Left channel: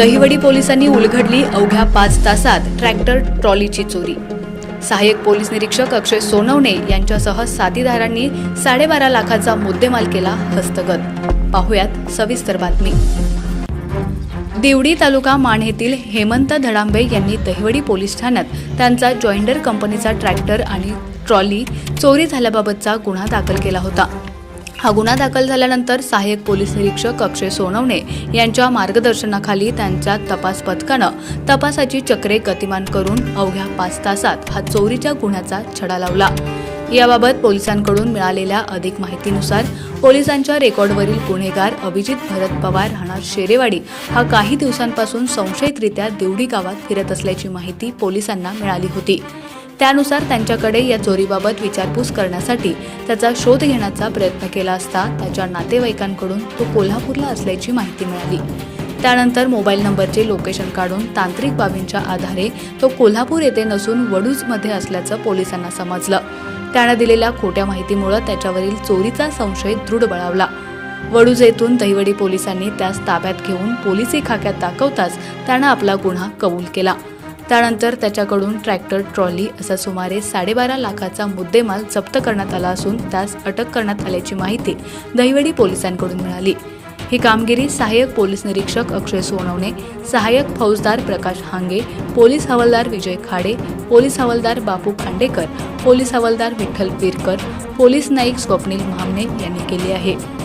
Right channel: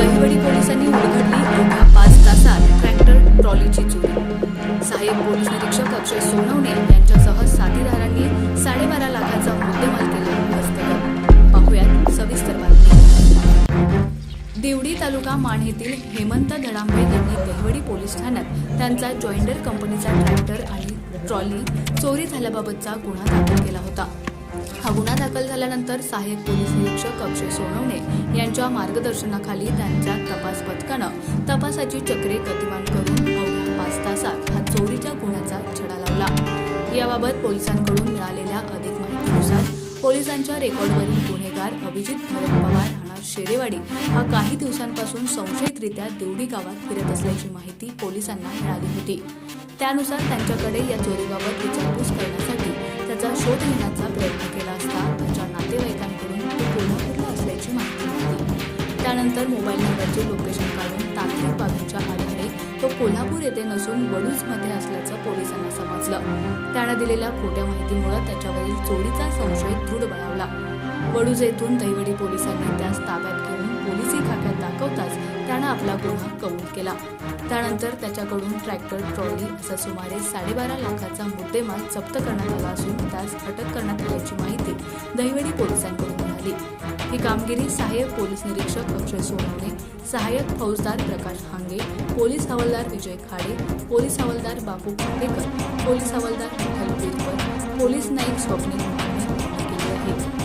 दहिवडी पोलिसांनी उलघडली अवघ्या पाच तासात ट्रॅक्टर ट्रॉलीची चोरी. सहाय्यक पोलीस निरीक्षक अक्षय सोनवणे यांच्यासह साथीदारांनी साडेबारा लाखाचा मुद्देमाल केला हस्तगत. पाहुयात सविस्तर बातमी. दिवडी तालुका माण येथील हेमंत धडांबे यांनी दहिवडी पोलीस ठाण्यात त्यांचा जॉइंडर कंपनीचा ट्रॅक्टर आणि ट्रॉली चोरी झाल्याबाबतचा गुन्हा दाखल केला होता. हा गुन्हा दाखल झाल्यानंतर सहाय्यक पोलीस निरीक्षक अक्षय सोनवणे यांच्या मार्गदर्शनाखाली त्यांच्या तपास पथकानं तपासाची चक्रे गतिमान करून अवघ्या पाच तासात हा चोरीच्या गुन्ह्याचा छडा लावला. याबाबत पोलिसांकडून मिळालेल्या अधिक माहितीनुसार पोलिसांच्या रेकॉर्डवरील गुन्हेगार अभिजित भरत पवार राहणार शेरेवाडी हा काही दिवसांपासून संशयितरित्या देवडी गावात फिरत असल्याची माहिती पोलिसांना मिळाली होती. त्यानुसार त्यांच्याकडे या चोरीबाबत विचारपूस करण्यासाठी त्याचा शोध घेण्याचा प्रयत्न केला असता त्याच्या नातेवाईकांकडून तो कोल्हापूरला असल्याची माहिती मिळाली. त्यानंतर मोबाईल नंबरचे लोकेशन काढून तांत्रिक बाबींच्या आधारे तो कोल्हापूर येथे नसून वडूजमध्ये असल्याचं पोलिसांना समजलं. त्यानं दिलेल्या खोट्या माहितीमुळे त्याच्यावरील चोरीचा संशय दृढ बळावला. वडूज येथून दहिवडी पोलिसांनी त्यास ताब्यात घेऊन पोलिसी खाक्यात दाखवताच त्यानं आपला गुन्हा कबूल केला. त्यानंतर त्याच्याकडून ट्रॅक्टर ट्रॉली असा सुमारे साडेबारा लाखाचा मुद्देमाल जप्त करण्यात आला असून त्यास अटक करण्यात आल्याची माहिती दहिवडी पोलिसांकडून मिळाली. ही कामगिरी सहाय्यक पोलीस निरीक्षक अक्षय सोनवणे सहाय्यक फौजदार प्रकाश हांगे पोलीस हवालदार विजय खाडे पोलीस हवालदार बापू खांडेकर पोलीस हवालदार विठ्ठल पिरकर पोलीस नाईक स्वप्नील महाने यांनी केली आहे.